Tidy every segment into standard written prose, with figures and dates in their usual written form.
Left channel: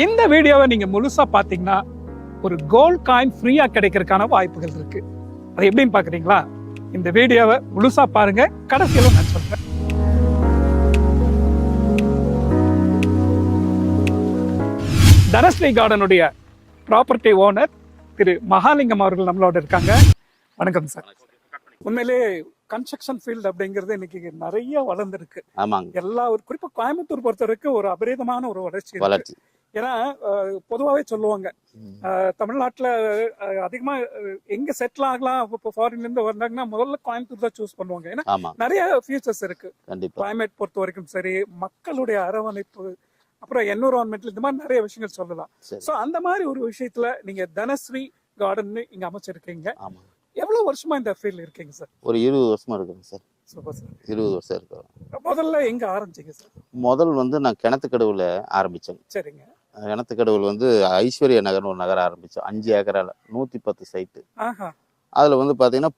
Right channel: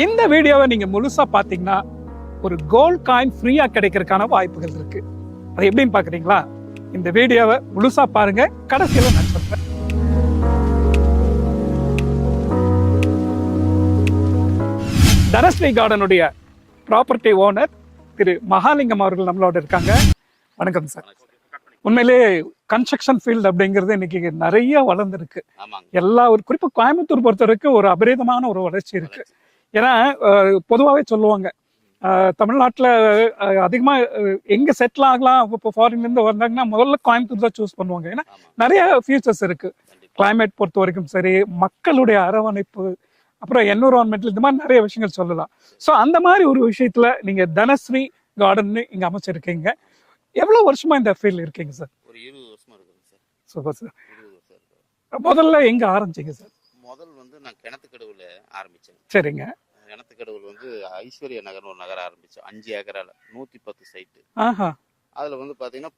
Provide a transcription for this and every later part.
இந்த வீடியோவை நீங்க முழுசா பாத்தீங்கன்னா ஒரு கோல்ட் காயின் ஃப்ரீயா கிடைக்கிறதுக்கான வாய்ப்புகள் இருக்கு. அது எப்படின்னு பாக்குறீங்களா? இந்த வீடியோவை முழுசா பாருங்க, கடைசியில நான் சொல்றேன். தனஸ்ரீ கார்டனுடைய ப்ராப்பர்ட்டி ஓனர் திரு மகாலிங்கம் அவர்கள் நம்மளோட இருக்காங்க. வணக்கம் சார். உண்மையிலே கன்ஸ்ட்ரக்ஷன் ஃபீல்டு அப்படிங்கிறது இன்னைக்கு நிறைய வளர்ந்துருக்கு. எல்லா ஒரு குறிப்பா கோயம்புத்தூர் பொறுத்த வரைக்கும் ஒரு அபரிதமான ஒரு வளர்ச்சி இருக்கு. ஏன்னா பொதுவாகவே சொல்லுவாங்க தமிழ்நாட்டில் அதிகமா எங்க செட்டில் ஆகலாம், இப்போ ஃபாரின்ல இருந்து வந்தாங்கன்னா முதல்ல கோயம்புத்தூர் தான் சூஸ் பண்ணுவாங்க. ஏன்னா நிறைய ஃபியூச்சர்ஸ் இருக்கு. கிளைமேட் பொறுத்த வரைக்கும் சரி, மக்களுடைய அரவணைப்பு, அப்புறம் என்விரான்மெண்ட், இந்த மாதிரி நிறைய விஷயங்கள் சொல்லலாம். ஸோ அந்த மாதிரி ஒரு விஷயத்துல நீங்க தனஸ்ரீ கார்டன் இங்க அமைச்சிருக்கீங்க. எவ்வளவு வருஷமா இந்த ஃபீல்ட் இருக்கீங்க சார்? ஒரு 20 வருஷமா இருக்குங்க சார். Super sir. 20 வருஷம் இருக்கு. முதல்ல எங்க ஆரம்பிச்சீங்க சார்? முதல் நான் கிணத்துக்கடவுல ஆரம்பிச்சேன். சரிங்க. கிணத்துக்கடவுல ஐஸ்வர்யா நகர்னு ஒரு நகரம் ஆரம்பிச்சோம். 5 ஏக்கரால 110 சைட்டு. அதுல பாத்தீங்கன்னா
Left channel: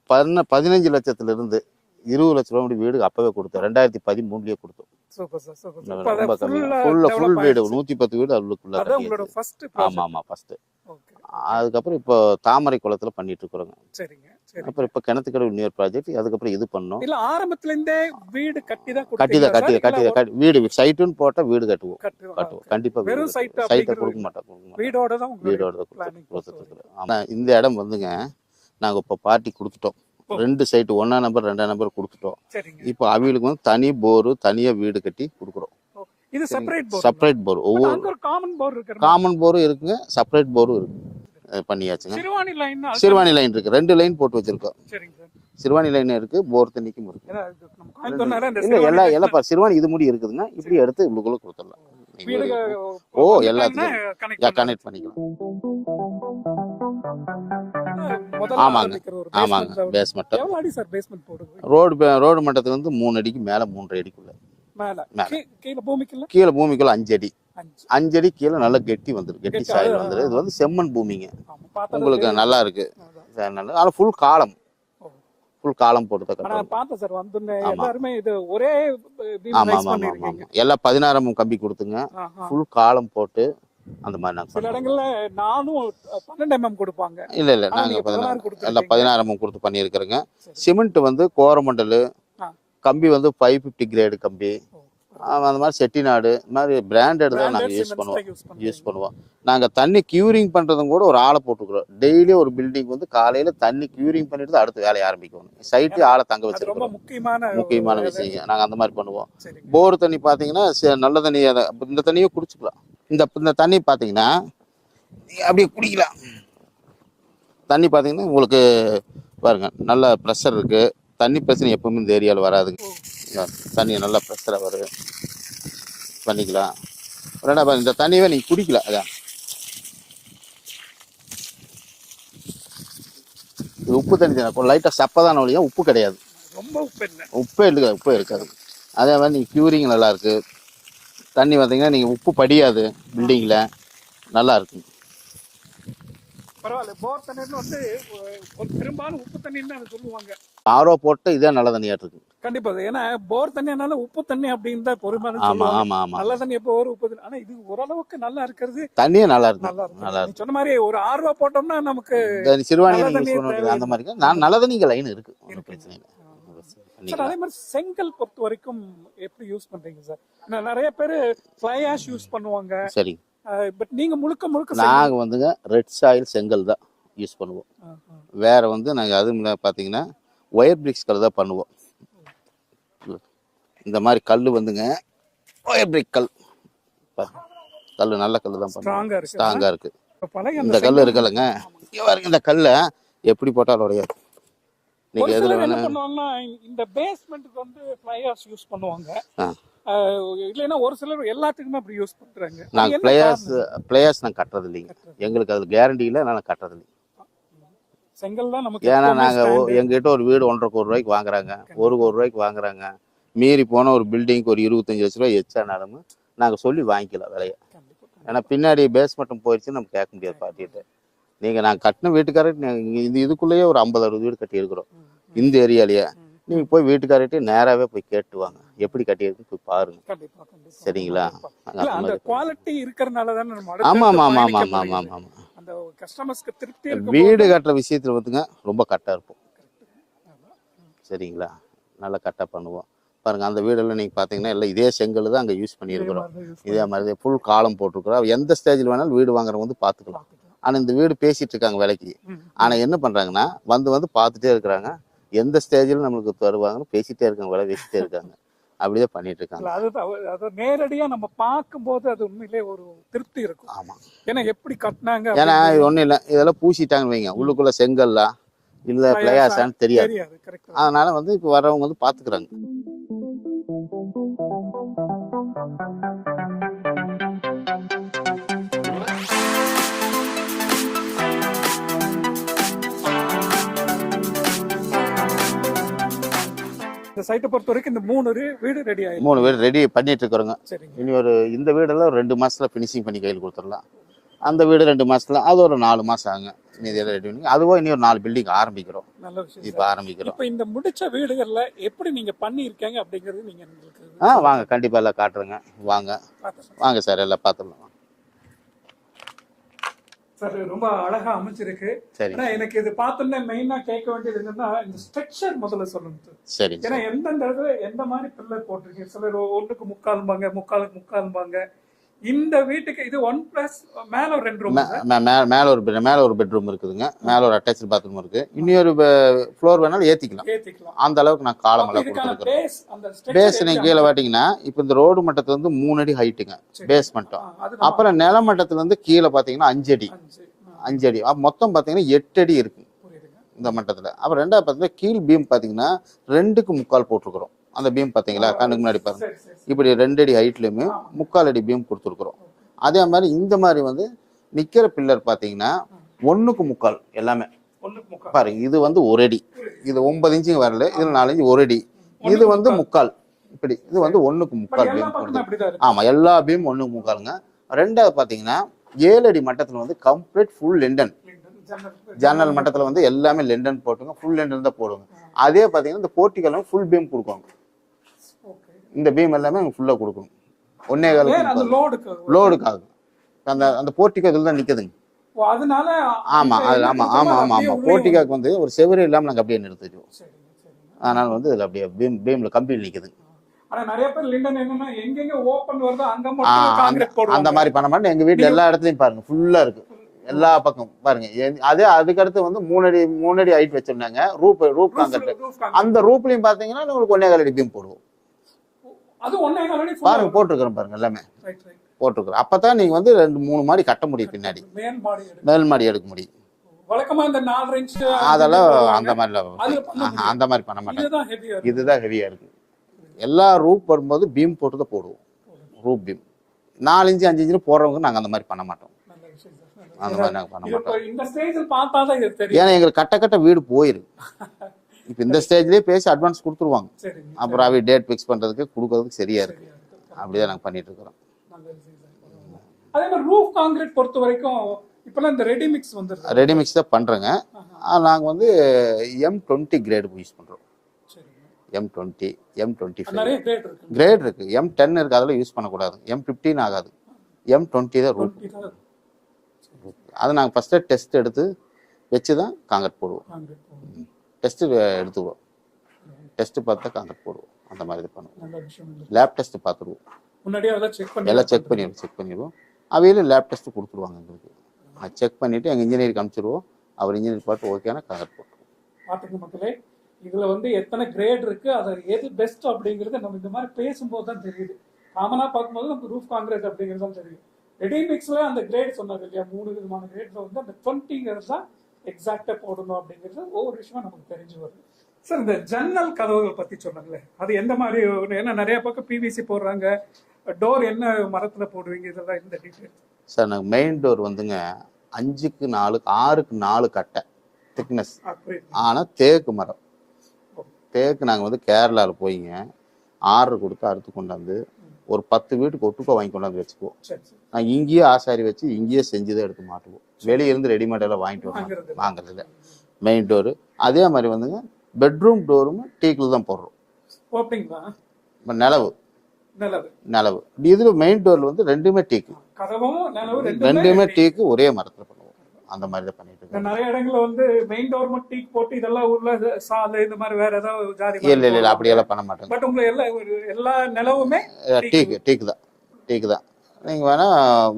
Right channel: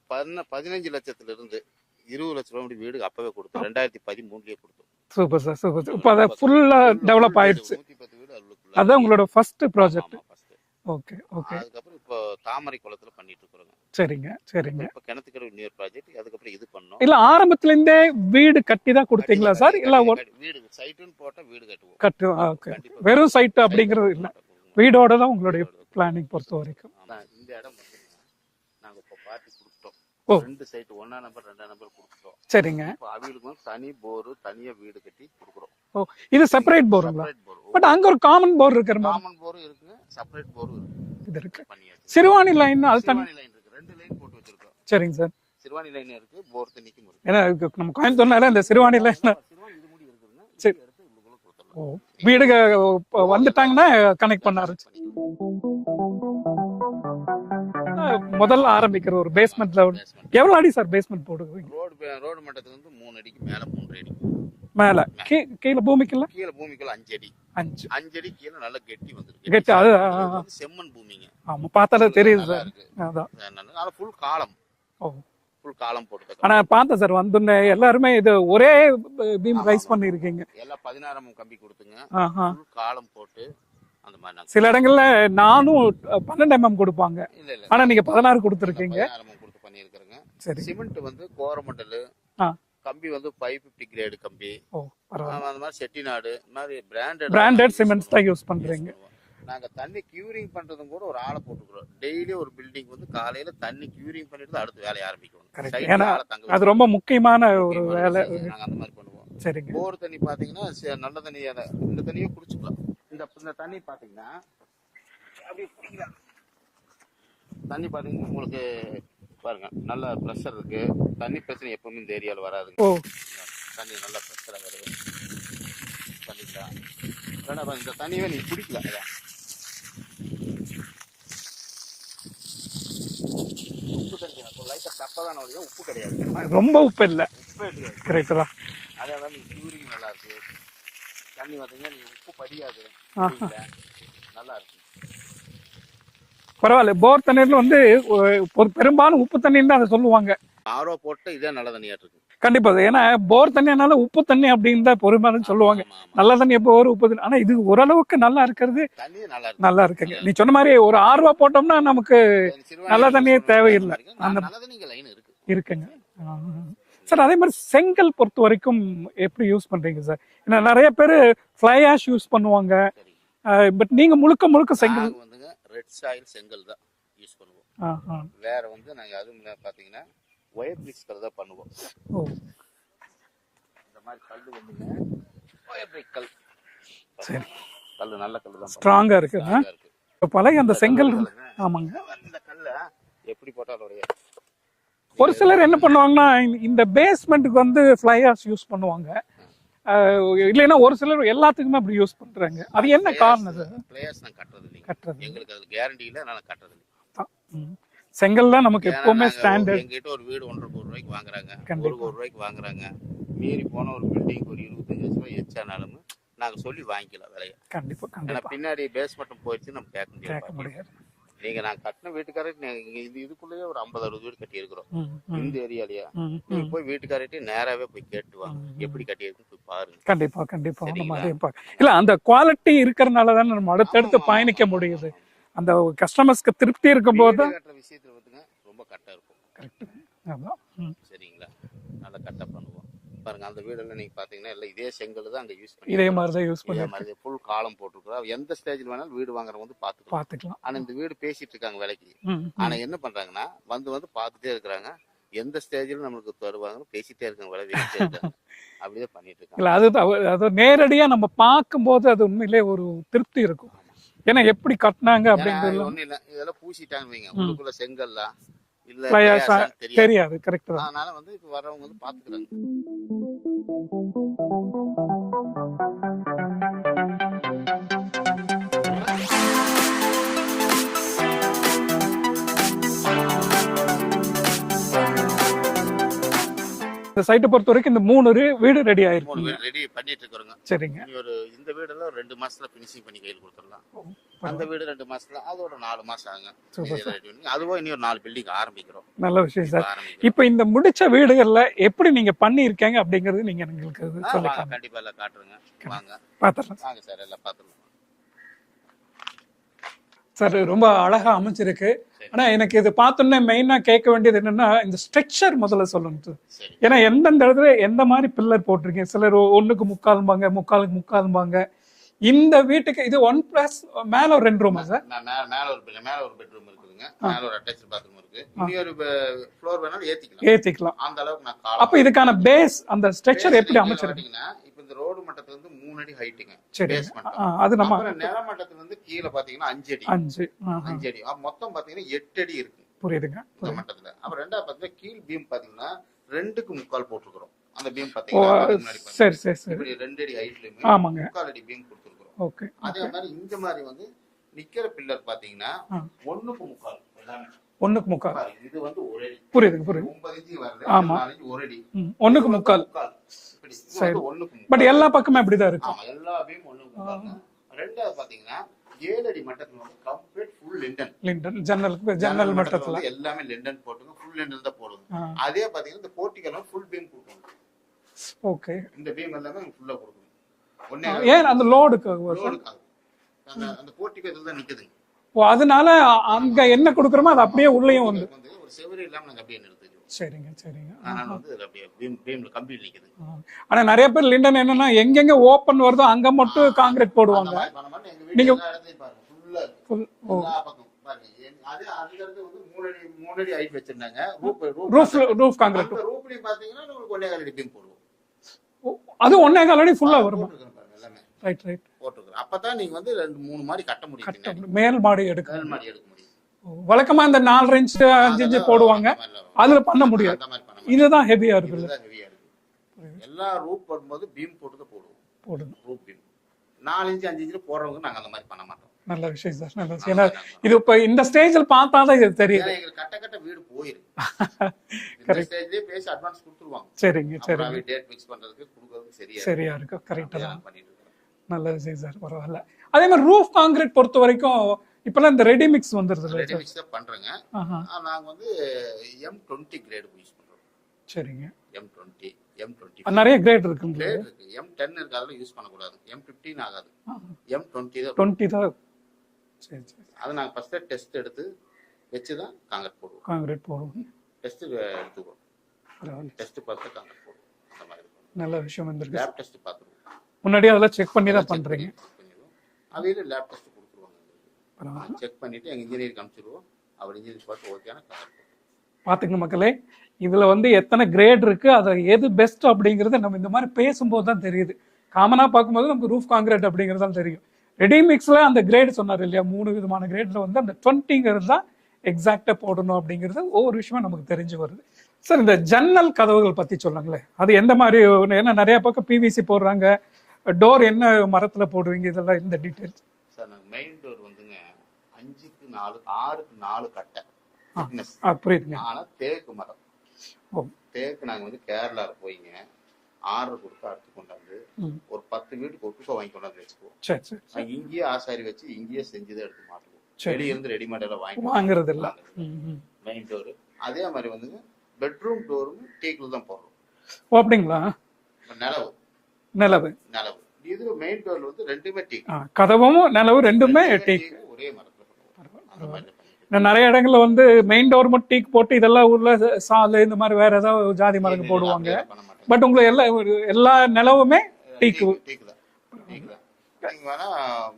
15 லட்சத்துல இருந்து 20 லட்சம் ரூபாய் வீடு அப்பவே கொடுத்தோம். 2013 கொடுத்தோம். Super sir, super sir. இப்ப அத ஃபுல்லா டெவலப் ஆயிடுச்சு. 110 வீடு அதுக்குள்ள. அதான் உங்களோட ஃபர்ஸ்ட் ப்ராஜெக்ட்? ஆமா, ஃபர்ஸ்ட். ஓகே. அதுக்கப்புறம் இப்போ தாமரை குளத்துல பண்ணிட்டு இருக்கோங்க. சரிங்க, சரிங்க. அப்புறம் இப்போ கிணத்துக்கடவு நியர் ப்ராஜெக்ட். அதுக்கப்புறம் இது பண்ணோம். இல்ல ஆரம்பத்துல இருந்தே வீடு கட்டி தான் கொடுத்தீங்களா சார்? இல்ல வீடு சைட்டுன்னு போட்டா வீடு கட்டுவோம். கண்டிப்பா. வெறும் சைட் அப்படிங்கிறது வீடோட தான் உங்களோட பிளானிங் பொறுத்த வரைக்கும். ஆனா இந்த இடம் நாங்க இப்ப பார்ட்டி கொடுத்துட்டோம். 2 சைட்டு 1ஆம் நம்பர் 2ஆம் நம்பர் கொடுத்துட்டோம். சரிங்க. இப்போ அவங்களுக்கு தனி போர், தனியா வீடு கட்டி கொடுக்குறோம். இது செப்பரேட் போர்? செப்பரேட் போர். அங்க ஒரு காமன் போர் இருக்கு. காமன் போரும் இருக்குங்க, செப்பரேட் போரும் இருக்கு. பண்ணியாச்சு. சிறுவாணி லைன், சிறுவாணி லைன் இருக்கு. 2 லைன் போட்டு வச்சிருக்கோம். சரிங்க சார். சிறுவாணி லைன் இருக்கு, போர் தண்ணிக்கும் இருக்கு. ஏன்னா நம்ம கோயம்புத்தூர்னால இந்த சிறுவாணி லைன் சிறுவாணி இது முடி இருக்குதுங்க. இப்படி எடுத்து உள்ளுக்குள்ள கொடுத்துடலாம். வீடுக வந்துட்டாங்கன்னா கனெக்ட் பண்ணிக்கலாம். முதல்ல ஆரம்பிக்கிற ஒரு பேஸ்மென்ட்ல எவ்வளவு அடி சார் பேஸ்மென்ட் போடுவீங்க? ரோடு மட்டத்துல 3 அடிக்கு மேல 3 அடி மேல. கீழ பூமிக்குள்ள? கீழ பூமிக்குள்ள 5 அடி. 5 அடி கீழ நல்ல கெட்டி வந்துருக்கு. இது செம்மண் பூமிங்க. ஆமா, பார்த்தாலே தெரியுது. நல்லா இருக்கு. ஆனா ஃபுல் காலம். ஃபுல் காலம் போட்டு. ஆனா பார்த்தேன் சார், வந்துனே எல்லாரும் இது ஒரே பீம் ரைஸ் பண்ணிருக்கீங்க. எல்லாம் 16 mm கம்பி கொடுத்துங்க. ஃபுல் காலம் போட்டு அந்த மாதிரி. சில இடங்கள்ல நானும் 12 mm கொடுப்பாங்க. இல்ல ஆனா நீங்க 16 கொடுத்துருக்கீங்க. 16 mm கொடுத்து பண்ணியிருக்கிறேங்க. சிமெண்ட் கோரமண்டல் கம்பி 550 கிரேடு கம்பி. அந்த மாதிரி செட்டிநாடு மாதிரி பிராண்டட் சிமெண்ட்ஸ் தான் யூஸ் பண்ணுவோம். நாங்க தண்ணி கியூரிங் பண்றதும் கூட ஒரு ஆளை போட்டுக்கிறோம். டெய்லி ஒரு பில்டிங் காலையில தண்ணி கியூரிங் பண்ணிட்டு அடுத்த வேலையை ஆரம்பிக்கணும். சைட்ல ஆளை தங்க வச்சு. அது ரொம்ப முக்கியமான விஷயம். நாங்க அந்த மாதிரி பண்ணுவோம். போர் தண்ணி பாத்தீங்கன்னா நல்ல தண்ணி. இந்த தண்ணியை குடிச்சுக்கலாம். இந்த தண்ணி பாத்தீங்கன்னா அப்படியே குடிக்கலாம். தண்ணி பாத்தீங்கன்னா உங்களுக்கு பாருங்க நல்ல ப்ரெஷர் இருக்கு. தண்ணி பிரச்சனை எப்பவுமே இந்த ஏரியாவில் வராதுங்க. தண்ணி நல்லா ப்ரெஷரா வருது. பண்ணிக்கலாம். இந்த தண்ணியவே நீங்க குடிக்கலாம். அதான் உப்பு தண்ணி தான். லைட்டா சப்பதான வழியா, உப்பு கிடையாது. ரொம்ப உப்பு இல்லை. உப்பே இல்லைங்க, உப்பு இருக்கலாம். அதே மாதிரி நீங்க கியூரிங் நல்லா இருக்கு. தண்ணி பார்த்தீங்கன்னா நீங்க உப்பு படியாது. பில்டிங்ல நல்லா இருக்கு. பரவாயில்ல. போர் தண்ணீர்ல பெரும்பாலும் உப்பு தண்ணி தான் அதை சொல்லுவாங்க. ஆரோ போட்டு இதே நல்ல தண்ணியாட்டு இருக்கு. கண்டிப்பா. ஏன்னா போர் தண்ணியானால உப்பு தண்ணி அப்படின்னு தான் பெரும்பாலும் சொல்லுவாங்க. நல்ல தண்ணி எப்போ ஒரு உப்பு தண்ணி. ஆனா இது ஓரளவுக்கு நல்லா இருக்கிறது. தண்ணியே நல்லா இருக்கு. நீ சொன்ன மாதிரி ஒரு 6 ரூபா போட்டோம்னா நமக்கு நல்ல தண்ணியே தேவையில்லை. நல்ல தண்ணிங்க லைன் இருக்குங்க சார். அதே மாதிரி செங்கல் பொறுத்த வரைக்கும் எப்படி யூஸ் பண்றீங்க சார்? ஏன்னா நிறைய பேர் ஃப்ளை ஆஷ் யூஸ் பண்ணுவாங்க. சரி. பட் நீங்க முழுக்க நாங்க ரெட் சாயில் செங்கல் தான் யூஸ் பண்ணுவோம். வேற நாங்க அது பாத்தீங்கன்னா ஒயர் பிரிக்ஸ் கல் தான் பண்ணுவோம். இந்த மாதிரி கல் ஒயர் பிரிக் கல். கல் நல்ல கல் தான். ஸ்ட்ராங்கா இருக்கு. இந்த கல் இருக்குல்லங்க, இந்த கல்ல எப்படி போட்டாலும் உடையாது. ஒரு சிலர் என்ன பண்ணுவாங்கன்னா இந்த பேஸ்மெண்ட்டுக்கு ஃப்ளை ஆஷ் யூஸ் பண்ணுவாங்க. இல்லைன்னா ஒரு சிலர் எல்லாத்துக்குமே அப்படி யூஸ் பண்றாங்க. பிளேயர்ஸ் நான் கட்டுறது இல்லைங்க. எங்களுக்கு அதுல கேரண்டி இல்லை, நான் கட்டுறது இல்லை. செங்கல் தான் நமக்கு. எங்ககிட்ட ஒரு வீடு 1.5 கோடி ரூபாய்க்கு வாங்குறாங்க, 1 கோடி ரூபாய்க்கு வாங்குறாங்க. மீறி போன ஒரு பில்டிங்க்கு ஒரு 25 லட்ச ரூபாய் எச்சானாலும் நாங்க சொல்லி வாங்கிக்கலாம் விலையை. கண்டிப்பா. ஏன்னா பின்னாடி பேஸ்மெண்ட் போயிடுச்சு நம்ம கேட்க முடியாது. நீங்க நான் கட்டின வீட்டுக்காரர்கிட்ட இதுக்குள்ளேயே ஒரு 50-60 வீடு கட்டி இருக்கிறோம் இந்த ஏரியாலயே. நீங்க போய் வீட்டுக்காரர்கிட்ட நேராவே போய் கேட்டுவாங்க எப்படி கட்டியிருக்குன்னு போய் பாருங்க. கண்டிப்பா கண்டிப்பா. சரிங்களா? இல்ல அந்த குவாலிட்டி இருக்கறனால தான் நம்ம அடுத்து பயணிக்க முடியுது. அந்த கஸ்டமர்ஸ்க்கு திருப்தி இருக்கும்போது வீடு கட்டுற விஷயத்துல வந்துங்க ரொம்ப கரெக்டா இருப்போம். சரிங்களா? நல்லா கரெக்டா பண்ணுவோம். பாருங்க அந்த வீடெல்லாம் நீங்க பாத்தீங்கன்னா எல்லாம் இதே செங்கல் தான் அங்க யூஸ் பண்ணிருக்கோம். இதே மாதிரி ஃபுல் காலம் போட்டிருக்கிறோம். எந்த ஸ்டேஜ்ல வேணாலும் வீடு வாங்குறவங்க வந்து பாத்துக்கலாம். ஆனா இந்த வீடு பேசிட்டு இருக்காங்க விலைக்கு. ஆனா என்ன பண்றாங்கன்னா வந்து பாத்துட்டே இருக்கிறாங்க. எந்த ஸ்டேஜ்ல நம்மளுக்கு தருவாங்கன்னு பேசிட்டே இருக்காங்க, விலை பேசிட்டே இருக்காங்க. அப்படியே பண்ணிட்டு இருக்காங்க. அது நேரடியா நம்ம பார்க்கும்போது அது உண்மையிலே ஒரு திருப்தி இருக்கும். ஆமா. ஏன்னா எப்படி கட்டினாங்க. ஏன்னா இது ஒண்ணும் இல்ல, இதெல்லாம் பூசிட்டாங்க வைங்க, உள்ளுக்குள்ள செங்கல்லா இல்ல தெரியாது. அதனால வந்து இப்ப வர்றவங்க வந்து பாத்துக்கிறாங்க. இந்த சைட்டை பொறுத்த வரைக்கும் இந்த 3 வீடு ரெடி ஆயிருக்கு. 3 வீடு ரெடி பண்ணிட்டு இருக்கிறோங்க. சரிங்க. இனி இந்த வீடெல்லாம் 2 மாசத்துல பினிஷிங் பண்ணி கையில் கொடுத்துடலாம். அந்த வீடு 2 மாசத்துல, அது ஒரு 4 மாசம் ஆகுங்க. அதுவும் இனி ஒரு 4 பில்டிங் ஆரம்பிக்கிறோம். நல்ல விஷயம் சார். இப்ப இந்த முடிச்ச வீடுகள்ல எப்படி நீங்க பண்ணி இருக்கீங்க அப்படிங்கிறது நீங்க எங்களுக்கு வாங்க கண்டிப்பா எல்லாம் காட்டுறேங்க. வாங்க வாங்க சார், எல்லாம் பாத்துடலாம் சார். ரொம்ப அழகா அமைச்சிருக்கு. ஆனா எனக்கு இது பார்த்தோன்னே மெயினா கேட்க வேண்டியது என்னன்னா இந்த ஸ்ட்ரக்சர் முதல்ல சொல்லணும். சரி. ஏன்னா எந்தெந்த இடத்துல எந்த மாதிரி பில்லர் போட்டிருக்கீங்க. சிலர் 1க்கு 3/4 முக்காலுக்கு 3/4. இந்த வீட்டுக்கு இது 1+ மேல ஒரு 2 ரூம். மேல ஒரு பெட்ரூம் இருக்குதுங்க. மேல ஒரு அட்டாச்ட் பாத்ரூம் இருக்கு. இன்னொரு ஃப்ளோர் வேணாலும் ஏத்திக்கலாம். அந்த அளவுக்கு நான் காலம். அப்ப இதுக்கான பேஸ் அந்த ஸ்ட்ரக்சர் எப்படி கீழ வாட்டிங்கன்னா இப்ப இந்த ரோடு மட்டத்துல இருந்து 3 அடி ஹைட்டுங்க பேஸ் மட்டும். அப்புறம் நில மட்டத்துல இருந்து கீழ பாத்தீங்கன்னா 5 அடி. 5 அடி மொத்தம் பாத்தீங்கன்னா 8 அடி இருக்கு. புரியுதுங்க. இந்த மட்டத்துல. அப்புறம் ரெண்டாவது பாத்தீங்கன்னா கீழ் பீம் பாத்தீங்கன்னா 2க்கு 3/4 போட்டிருக்கிறோம். அந்த பீம் பாத்தீங்களா கண்ணுக்கு முன்னாடி பாருங்க. இப்படி 2 அடி ஹைட்லயுமே 3/4 அடி பீம் கொடுத்துருக்கிறோம். அதே மாதிரி இந்த மாதிரி வந்து நிக்கிற பில்லர் பாத்தீங்கன்னா 1க்கு 3/4 எல்லாமே 1க்கு 3/4 பாருங்க. இது வந்து 1 அடி. இது 9 இன்ச்சுங்க வரல, இது 4 இன்ச்சு 1 அடி. இது வந்து 3/4 இப்படி. இது வந்து 1க்கு 3/4. பட் எல்லா பக்கமும் அப்படிதான் இருக்கு. ஆமா, எல்லா பீம் 1க்கு 3/4ங்க. ரெண்டாவது பாத்தீங்கன்னா 7 அடி மட்டத்துல வந்து கம்ப்ளீட் ஃபுல் லிண்டன். ஜன்னல் மட்டத்துல வந்து எல்லாமே லிண்டன் போட்டுங்க. ஃபுல் லிண்டன் தான் போடுவாங்க. அதே பாத்தீங்கன்னா இந்த போர்ட்டிகல் ஃபுல் பீம் கொடுப்பாங்க. ஓகே. இந்த பீம் எல்லாமே ஃபுல்லா கொடுக்கணும். அந்த லோடுக்காக அந்த போர்ட்டிகல் இதுல தான் நிக்குதுங்க. அதனால போர்ட்டிகாக்கு வந்து ஒரு செவரு இல்லாம நாங்க அப்படியே நிறுத்திடுவோம். சரிங்க சரிங்க. அதனால வந்து இதுல அப்படியே பீம்ல கம்பி நிக்குது. ஆனா நிறைய பேர் லிண்டன் என்னன்னா எங்கெங்க ஓபன் வருதோ அங்க மட்டும் கான்கிரீட் போடுவாங்க. அந்த மாதிரி பண்ண மாட்டோம். எங்க வீட்டுல எல்லா இடத்துலயும் பாருங்க ஃபுல்லா இருக்கு. எல்லா பக்கம் பாருங்க. அதே அதுக்கு அடுத்து வந்து 3 அடி ஹைட் வச்சிருந்தாங்க. ரூஃப் அந்த ரூஃப்லயும் பாத்தீங்கன்னா உங்களுக்கு 1.25 அடி பீம் போடுவோம். அது 1.25 அடி ஃபுல்லா போட்டுருக்கோம் பாருங்க. எல்லாமே ரைட் போட்டுருக்கோம். அப்பதான் நீங்க வந்து 2-3 மாடி கட்ட முடியும். பின்னாடி மேல் மாடி எடுக்க முடியும். வழக்கமா இந்த 4 இன்ச் அதெல்லாம் போடுவாங்க. அதுல பண்ண முடியும். அந்த மாதிரி பண்ண மாட்டோம். இதுதான் ஹெவியா இருக்கு. எல்லா ரூப் போடும்போது பீம் போட்டு தான் போடுவோம். ரூப் பீம் 4 இன்ச் 5 இன்ச் போடுறவங்க நாங்க அந்த மாதிரி பண்ண மாட்டோம். நல்ல விஷயம் சார். நல்ல விஷயம். இது இப்ப இந்த ஸ்டேஜ்ல பார்த்தாதான் இது தெரியும். ஏன்னா எங்களுக்கு கட்ட வீடு போயிருக்கு. இப்ப இந்த ஸ்டேஜ்லயே பேசி அட்வான்ஸ் கொடுத்துருவாங்க. சரிங்க. அப்புறம் அவை டேட் ஃபிக்ஸ் பண்றதுக்கு கொடுக்கிறதுக்கு சரியா இருக்கு. அப்படியே நாங்க பண்ணிட்டு இருக்கிறோம். நல்ல விஷயம் சார். பரவாயில்ல. அதே மாதிரி ரூஃப் கான்கிரீட் பொறுத்த வரைக்கும் இப்பெல்லாம் இந்த ரெடி மிக்ஸ் வந்துருது. ரெடி மிக்ஸ் தான் பண்றேங்க. நாங்க வந்து M20 கிரேட் யூஸ் பண்றோம். சரிங்க. M20 நிறைய கிரேட் இருக்கு. M10 இருக்கு, அதெல்லாம் யூஸ் பண்ணக்கூடாது. M15 ஆகாது. M20 தான். அதை நாங்கள் ஃபர்ஸ்ட் டெஸ்ட் எடுத்து வச்சு தான் காங்கிரீட் போடுவோம். டெஸ்ட் எடுத்துவோம். டெஸ்ட் பார்த்து தான் காங்கிரீட் போடுவோம். அந்த மாதிரி பண்ணுவோம். நல்ல விஷயம். லேப் டெஸ்ட் பார்த்துருவோம். முன்னாடியே அதெல்லாம் செக் பண்ணிடுவோம். அவையில லேப் டெஸ்ட் கொடுத்துருவாங்க எங்களுக்கு. செக் பண்ணிட்டு எங்க இன்ஜினியருக்கு அனுப்பிச்சிடுவோம். அவர் இன்ஜினியர் பார்த்து ஓகேனா காங்கிரீட் போட்டுருவோம். பாத்துங்க மக்களே, இதுல வந்து எத்தனை கிரேட் இருக்கு, அதை எது பெஸ்ட் அப்படிங்கறத நம்ம இந்த மாதிரி பேசும்போது தான் தெரியுது. காமனா பார்க்கும்போது நமக்கு ரூஃப் காங்கிரீட் அப்படிங்கிறது தான் தெரியும். ரெடி மிக்ஸ்ல அந்த கிரேட் சொன்னார் இல்லையா, 3 விதமான கிரேட்ல வந்து அந்த 20ங்கிறது தான் எக்ஸாக்டா போடணும் அப்படிங்கிறது ஒவ்வொரு விஷயமா நமக்கு தெரிஞ்சு வருது. சார், இந்த ஜன்னல் கதவுகள் பத்தி சொல்லுங்களேன். அது எந்த மாதிரி, ஏன்னா நிறைய பக்கம் பிவிசி போடுறாங்க, டோர் என்ன மரத்துல போடுவீங்க, இதெல்லாம் இந்த டீடைல்ஸ் சார். நாங்கள் மெயின் டோர் வந்துங்க 5க்கு 4 6க்கு 4 கட்டை திக்னஸ். புரியுதுங்க. ஆனா தேக்கு மரம். தேக்கு நாங்கள் வந்து கேரளாவில் போயிங்க ஆர்டர் கொடுத்து அறுத்து கொண்டாந்து ஒரு 10 வீட்டுக்கு ஒட்டுக்கோ வாங்கி கொண்டாந்து வச்சுக்குவோம். சரி சரி. நாங்கள் இங்கேயே ஆசாரி வச்சு இங்கேயே செஞ்சுதான் எடுத்து மாட்டுவோம். வெளியே இருந்து ரெடிமேட் எல்லாம் வாங்குறது இல்லை. மெயின் டோரு அதே மாதிரி வந்துங்க பெட்ரூம் டோரும் டீக்கில் தான் போடுறோம். அப்படிங்களா? நிலவு நிலவு இதுல மெயின் டோர்ல வந்து ரெண்டுமே டீக், கதவும் நிலவு ரெண்டுமே டீக் ஒரே மரத்துல பண்ணுவோம். அந்த மாதிரி தான் பண்ணிட்டு நிறைய இடங்கள்ல வந்து மெயின் டோர் மட்டும் டீக் போட்டு இதெல்லாம் உள்ள சாலை இந்த மாதிரி வேற ஏதாவது ஜாதி இல்ல அப்படி எல்லாம் பண்ண மாட்டோம். பட் உங்களுக்கு எல்லா நிலவுமே டீக் தான். நீங்க வேணா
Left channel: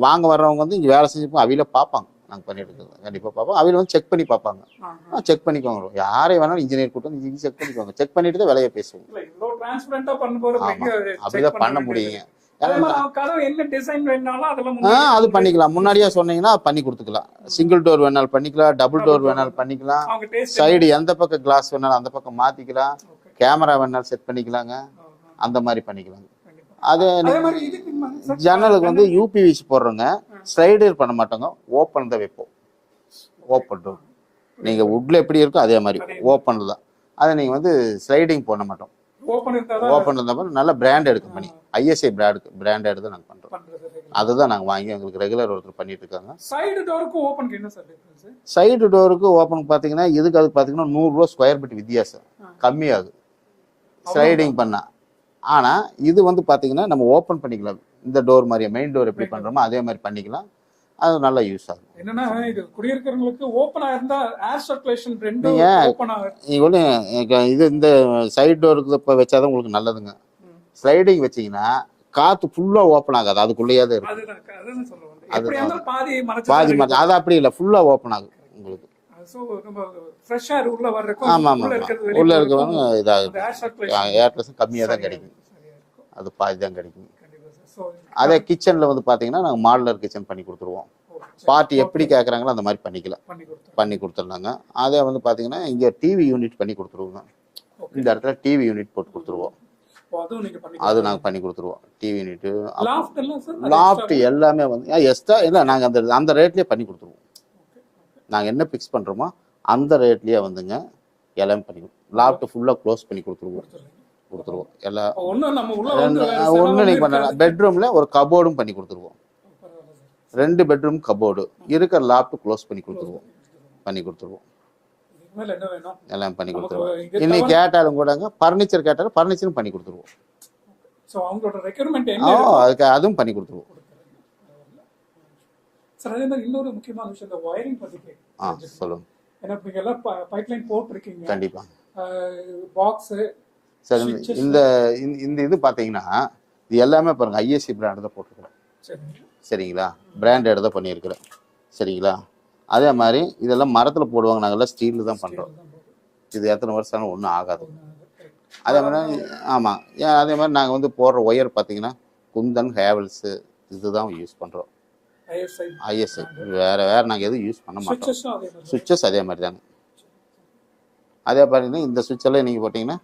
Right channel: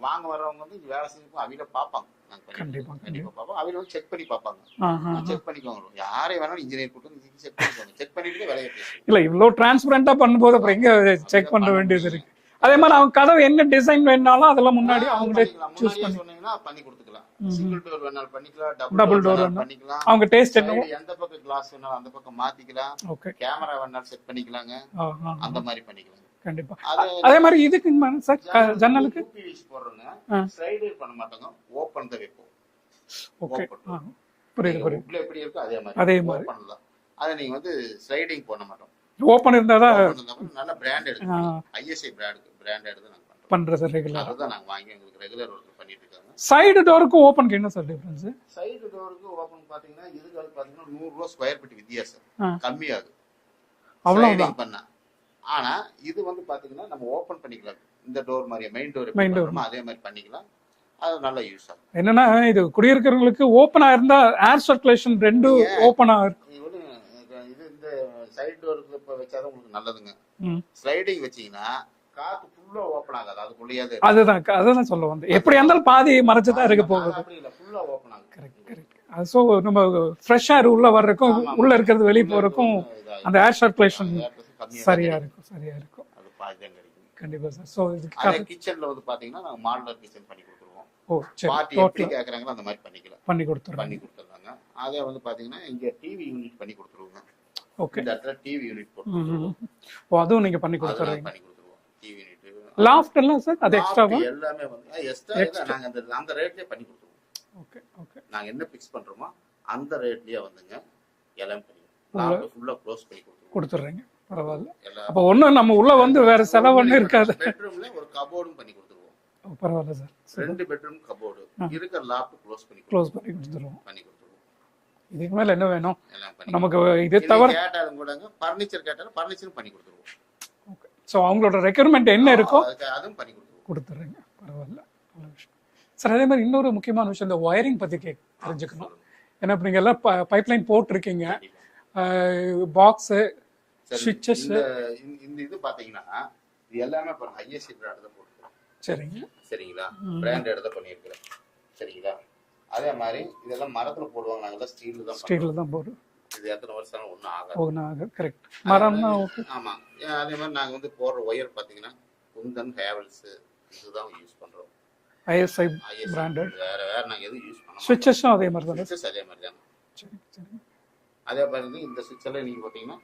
வாங்க வர்றவங்க வந்து இங்க வேலை செஞ்சு அவையில பாப்பாங்க. நாங்க பண்ணிட்டு கண்டிப்பா பார்ப்போம். அவையில வந்து செக் பண்ணி பார்ப்பாங்க. செக் பண்ணிக்கோங்க, யாரை வேணாலும் இன்ஜினியர் கூட்டம் செக் பண்ணிக்கோங்க. செக் பண்ணிட்டு தான் விலையை பேசுவோம். இல்ல இவ்வளவு டிரான்ஸ்பரண்டா பண்ணும்போது எங்க செக் பண்ண வேண்டியது? அதே மாதிரி அவங்க கதவு என்ன டிசைன் வேணாலும் அதெல்லாம் அது பண்ணிக்கலாம். முன்னாடியே சொன்னீங்கன்னா பண்ணி கொடுத்துக்கலாம். சிங்கிள் டோர் வேணாலும் பண்ணிக்கலாம், டபுள் டோர் வேணாலும் பண்ணிக்கலாம். அவங்க டேஸ்ட் சைடு எந்த பக்கம் கிளாஸ் வேணாலும் அந்த பக்கம் மாத்திக்கலாம். கேமரா வேணாலும் செட் பண்ணிக்கலாங்க. அந்த மாதிரி பண்ணிக்கலாம். கண்டிப்பா. அதே மாதிரி இதுக்கு ஜன்னலுக்கு வந்து யூபிவிசி போடுறோங்க. ஸ்லைடர் பண்ண மாட்டோங்க, ஓப்பன் தான் வைப்போம். ஓப்பன் டோர் நீங்க வுட்ல எப்படி இருக்கோ அதே மாதிரி ஓப்பன்ல தான். அதை நீங்க வந்து ஸ்லைடிங் பண்ண மாட்டோம். ஓபன் இருந்தாதான் நல்ல பிராண்ட் எடுத்து ஐஎஸ்ஐ பிராண்ட் எடுத்து நாங்க பண்றது ரெகுலர். அதுதான் நாங்க வாங்கி உங்களுக்கு ரெகுலர் ஒருத்தர் பண்ணிட்டு இருக்காங்க. சைடு டோருக்கு ஓபனுக்கு என்ன சார் டிஃபரன்ஸ்? சைடு டோருக்கு ஓபன் பாத்தீங்கன்னா இதுக்கு அது பாத்தீங்கன்னா 100 ரூபாய் ஸ்கொயர் ஃபீட் வித்தியாசம் கம்மியாகுது ஸ்லைடிங் பண்ணா. ஆனா இது வந்து பாத்தீங்கன்னா நம்ம ஓபன் பண்ணிக்கலாம். இந்த டோர் மாதிரி மெயின் டோர் எப்படி பண்றோமோ அதே மாதிரி பண்ணிக்கலாம். அது நல்லா யூஸ் ஆகும். என்னன்னா இது குடியிருக்கிறவங்களுக்கு ஓபனா இருந்தா ஏர் சர்க்குலேஷன் ரெண்டும் ஓபனா இது இந்த சைடு டோருக்கு இப்ப வச்சாதான் உங்களுக்கு நல்லதுங்க. ஸ்லைடிங் வச்சீங்கன்னா காத்து ஃபுல்லா ஓபன் ஆகாது, அதுக்குள்ளேயே தான். அதுதான் சொல்ல வந்தேன். எப்படி இருந்தாலும் பாதி மறைச்சு அது அப்படி இல்ல, ஃபுல்லா ஓபன் ஆகும் உங்களுக்கு. சோ நம்ம ஃப்ரெஷ் ஏர் உள்ள வர்றதுக்கும் உள்ள இருக்கிறது வெளிய போறதுக்கும் அந்த ஏர் சர்க்குலேஷன் கம்மியா இருக்கும். சரியா இருக்கும். அது பாதி தான் கிடைக்கும். கண்டிப்பா சார். சோ அதே கிச்சன்ல வந்து பாத்தீங்கன்னா நாங்க மாடுலர் கிச்சன் பண்ணி கொடுத்துருவோம். பார்ட்டி எப்படி கேக்குறாங்களோ அந்த மாதிரி பண்ணி கொடுத்துருந்தாங்க. அதே வந்து பாத்தீங்கன்னா இங்க டிவி யூனிட் பண்ணி கொடுத்துருவோங்க. இந்த இடத்துல டிவி யூனிட் போட்டு கொடுத்துருவோம். அதுவும் நீங்க பண்ணி அது நாங்க பண்ணி கொடுத்துருவோம். டிவி யூனிட் லாஃப்ட் எல்லாம் சார் லாஃப்ட் எல்லாமே வந்து எக்ஸ்ட்ரா இல்ல, நாங்க அந்த ரேட்லயே பண்ணி கொடுத்துருவோம். நாங்க என்ன பிக்ஸ் பண்றோமோ அந்த ரேட்லயே வந்துங்க எல்லாமே பண்ணி லாஃப்ட் ஃபுல்லா க்ளோஸ் பண்ணி கொடுத்துருவோம். பெட்ரூம்ல ஒரு கபோர்டும் பண்ணி கொடுத்துருவோம். 2 பெட்ரூம் கபோர்டு இருக்கிற லாஃப்ட் க்ளோஸ் பண்ணி கொடுத்துருவோம். இதுக்கு மேல என்ன வேணும் எல்லாம் பண்ணி நமக்கு கேட்டாலும் கூடங்க ஃபர்னிச்சர் கேட்டாலும் ஃபர்னிச்சரும் பண்ணி கொடுத்துருவோம். சோ அவங்களோட ரெக்யர்மென்ட் என்ன இருக்கோ அதுக்கு அதுவும் பண்ணி கொடுத்துருவோம். பரவாயில்ல சார். அதே மாதிரி இன்னொரு முக்கியமான விஷயம் இந்த வயரிங் பத்தி சொல்லுங்க. ஏன்னா நீங்க எல்லாம் பைப்லைன் போட்டிருக்கீங்க. கண்டிப்பா. பாக்ஸ் இந்த இது பாத்தீங்கன்னா இது எல்லாமே பாருங்க ஐஎஸ்சி பிராண்ட் தான் போட்டுருக்கோம். சரிங்களா? பிராண்டட் தான் பண்ணியிருக்கிறேன். சரிங்களா? அதே மாதிரி இதெல்லாம் மரத்துல போடுவாங்க, நாங்கெல்லாம் ஸ்டீல் தான் பண்றோம். இது எத்தனை வருஷம் ஆனாலும் ஒன்றும் ஆகாது. ஆமா. அதே மாதிரி நாங்க வந்து போடுற ஒயர் பாத்தீங்கன்னா குந்தன் ஹேவல்ஸ் இதுதான் யூஸ் பண்றோம். ஐஎஸ்ஐ வேற நாங்க எதுவும் யூஸ் பண்ண மாட்டோம். சுவிட்சஸ் அதே மாதிரி தாங்க. அதே பாத்தீங்கன்னா இந்த சுவிட்ச் எல்லாம் நீங்க போட்டீங்கன்னா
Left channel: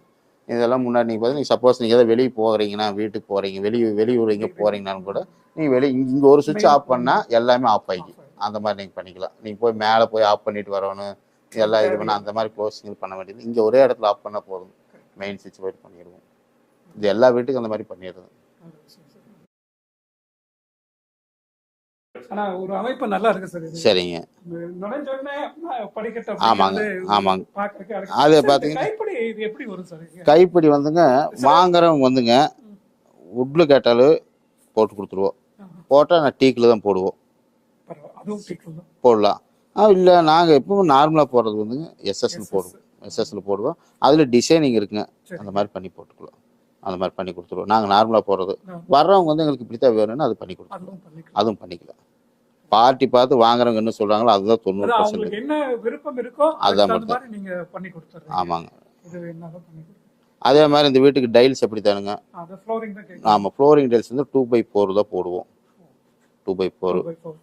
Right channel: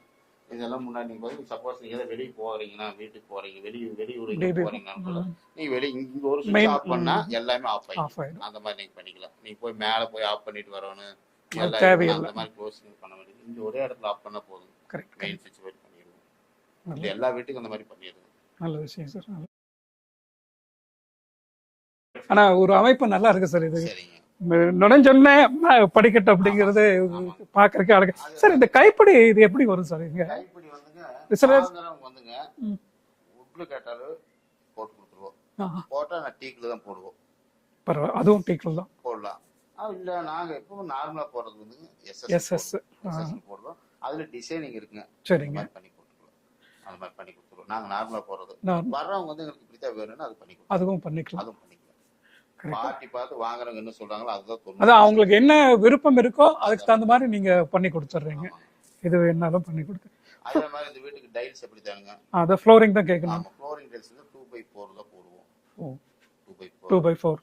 இதெல்லாம் முன்னாடி நீங்க பார்த்தீங்கன்னா சப்போஸ் நீங்க ஏதாவது வெளியே போகிறீங்கன்னா வீட்டுக்கு போறீங்க வெளியூர் இங்கே போறீங்கன்னாலும் கூட நீங்க இங்க ஒரு சுவிட்ச் ஆஃப் பண்ணா எல்லாமே ஆஃப் ஆகிடும். அந்த மாதிரி நீங்க பண்ணிக்கலாம். நீங்க போய் மேலே போய் ஆஃப் பண்ணிட்டு வரணும் எல்லாம் இது அந்த மாதிரி க்ளோசிங் பண்ண வேண்டியது இங்க ஒரே இடத்துல ஆஃப் பண்ணா போதும். மெயின் சுவிட்ச் போய் பண்ணிடுவோம். இது எல்லா வீட்டுக்கும் அந்த மாதிரி பண்ணிடுறது. நல்ல விஷயம் சார். ஆனா ஒரு அமைப்பு நல்லா இருக்கு சார். இது சரிங்க. நுழைஞ்சொன்னே படிக்கட்டு அப்படிங்கிறது பாக்குறதுக்கு அழகு. கைப்பிடி இது எப்படி வரும் சார்? கைப்பிடி வந்துங்க வாங்குறவங்க வந்துங்க வுட்ல கேட்டாலும் போட்டு கொடுத்துருவோம். போட்டா நான் டீக்ல தான் போடுவோம். அதுவும் டீக்ல தான் போடலாம். இல்ல நாங்க எப்பவும் நார்மலா போடுறது வந்துங்க எஸ்எஸ்ல போடுவோம். அதுல டிசைனிங் இருக்குங்க. அந்த மாதிரி பண்ணி போட்டுக்கலாம். அந்த மாதிரி பண்ணி கொடுத்துருவோம். நாங்க நார்மலா போடுறது வர்றவங்க வந்து எங்களுக்கு இப்படித்தான் வேணும்னு அது பண்ணி கொடுத்துருவோம். அதுவும் பண்ணிக்கலாம். பார்ட்டி பார்த்து வாங்குறவங்க என்ன சொல்றாங்களோ அதுதான் 90%. அவங்களுக்கு என்ன விருப்பம் இருக்கோ அந்த மாதிரி நீங்க பண்ணி கொடுத்துறீங்க. ஆமாங்க. இது என்னாலும் பண்ணி கொடுத்து. அதே மாதிரி இந்த வீட்டுக்கு டைல்ஸ் எப்படி தானுங்க? அத ஃப்ளோரிங் தான் கேக்குறேன். ஆமா, ஃப்ளோரிங் டைல்ஸ் வந்து 2x4 தான் போடுவோம். 2x4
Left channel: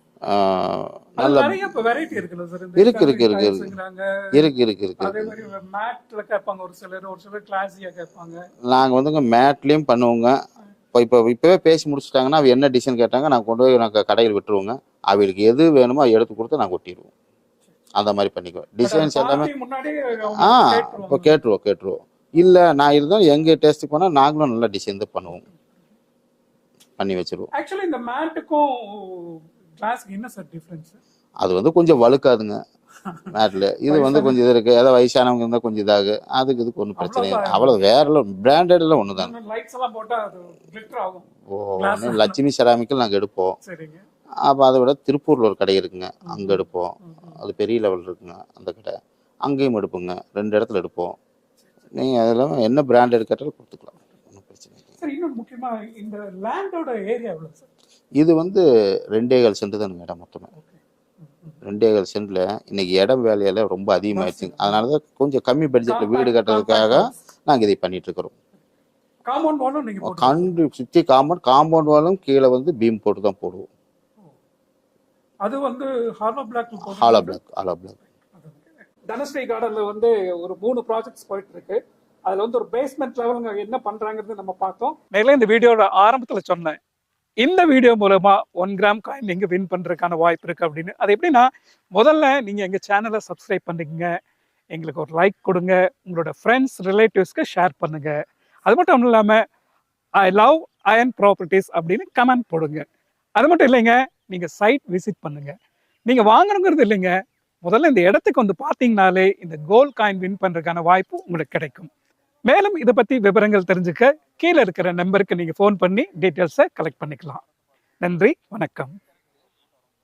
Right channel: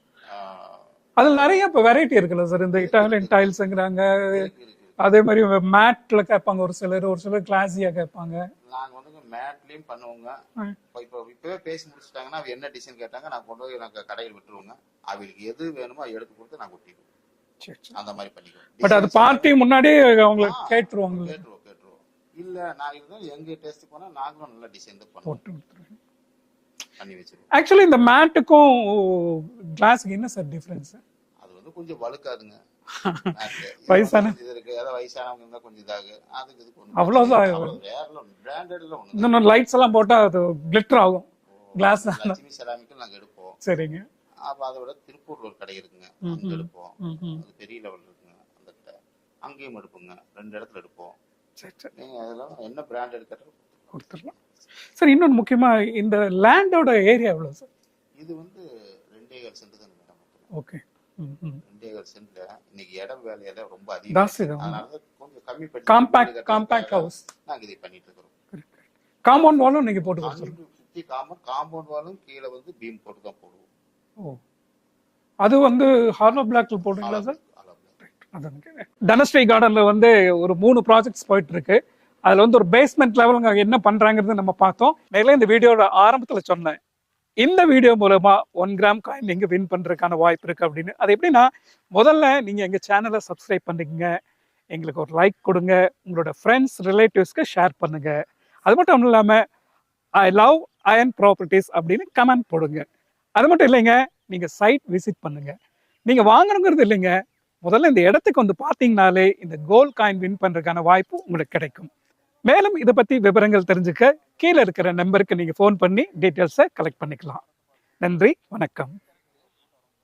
அது நிறைய வெரைட்டி இருக்குல்ல சார். இந்த இட்டாலியன் டைல்ஸ்ங்கறாங்க. இருக்கு. அதே மாதிரி மேட்ல கேட்பாங்க ஒரு சிலர் கிளாஸியா கேட்பாங்க. நாங்க வந்துங்க மேட்லயும் பண்ணுவோங்க. இப்பவே பேசி முடிச்சிட்டாங்கன்னா அவ என்ன டிசைன் கேட்டாங்க நான் கொண்டு போய் நாங்க கடையில் விட்டுருவோங்க. அவங்களுக்கு எது வேணுமோ எடுத்து கொடுத்து நாங்க ஒட்டிடுவோம். அந்த மாதிரி பண்ணிக்குவோம். டிசைன் பார்ட்டி முன்னாடி அவங்க கேட்றுவோம். இல்லை நான் இருந்தாலும் எங்கள் டேஸ்ட்டுக்கு போனால் நாங்களும் நல்ல டிசைன் தான் பண்ணுவோம், பண்ணி வச்சிருவோம். ஆக்சுவலி இந்த மேட்டுக்கும் கிளாஸுக்கு என்ன சார் டிஃபரன்ஸ்? அது வந்து கொஞ்சம் வழுக்காதுங்க மேட்டில். இது வந்து கொஞ்சம் இது இருக்குது, ஏதாவது வயசானவங்க இருந்தால் கொஞ்சம் இதாகு. அதுக்கு இதுக்கு ஒன்றும் பிரச்சனை இல்லை. அவ்வளோ வேற பிராண்டட்லாம் ஒன்று தான். லைட்ஸ் எல்லாம் போட்டால் அது கிளிட்டர் ஆகும். லட்சுமி செராமிக்கல் நாங்கள் எடுப்போம். சரிங்க. அப்போ அதை விட திருப்பூரில் ஒரு கடை இருக்குங்க, அங்கே எடுப்போம். அது பெரிய லெவல் இருக்குங்க அந்த கடை, அங்கேயும் எடுப்போங்க. 2 இடத்துல எடுப்போம். நீங்கள் அதெல்லாம் என்ன பிராண்டட் கேட்டாலும் கொடுத்துக்கலாம். சார் இன்னொன்று முக்கியமாக இந்த லேண்டோட ஏரியா எவ்வளோ சார்? இது வந்து 2.25 சென்ட் தானுங்க இடம் மொத்தமாக. ஓகே. 2.25 சென்ட்ல இன்னைக்கு இடம் வேலையில ரொம்ப அதிகமாயிடுச்சு. அதனாலதான் கொஞ்சம் கம்மி பட்ஜெட் வீடு கட்டுறதுக்காக நாங்க இதை பண்ணிட்டு இருக்கிறோம். காம்பவுண்ட் வாலும் நீங்க போட்டு சுத்தி காம்பவுண்ட் வாலும் கீழே வந்து பீம் போட்டு தான் போடுவோம். அது வந்து ஹாலோ பிளாக்ல போட்டு ஹாலோ பிளாக். தனஸ்ரீ கார்டன்ல வந்து ஒரு 3 ப்ராஜெக்ட்ஸ் போயிட்டு இருக்கு. அதுல வந்து ஒரு பேஸ்மெண்ட் லெவலுங்க என்ன பண்றாங்கிறது நம்ம பார்த்தோம். நேரில் இந்த வீடியோட ஆரம்பத்துல சொன்னேன், இந்த வீடியோ மூலமா 1 கிராம் காயின் நீங்க வின் பண்றதுக்கான வாய்ப்பு இருக்கு அப்படின்னு. அது எப்படின்னா, முதல்ல நீங்க எங்க சேனலை சப்ஸ்கிரைப் பண்ணுங்க, எங்களுக்கு ஒரு லைக் கொடுங்க, உங்களோட ஃப்ரெண்ட்ஸ் ரிலேட்டிவ்ஸ்க்கு ஷேர் பண்ணுங்க. அது மட்டும் இல்லாம ஐ லவ் அயன் ப்ராப்பர்ட்டிஸ் அப்படின்னு கமெண்ட் போடுங்க. அது மட்டும் இல்லைங்க, நீங்க சைட் விசிட் பண்ணுங்க. நீங்க வாங்கணுங்கிறது இல்லைங்க, முதல்ல இந்த இடத்துக்கு வந்து பார்த்தீங்கனாலே இந்த கோல்ட் காயின் வின் பண்றதுக்கான வாய்ப்பு உங்களுக்கு கிடைக்கும். மேலும் இதை பத்தி விவரங்கள் தெரிஞ்சுக்க கீழே இருக்கிற நம்பருக்கு நீங்க ஃபோன் பண்ணி டீட்டெயில்ஸை கலெக்ட் பண்ணிக்கலாம். நன்றி, வணக்கம்.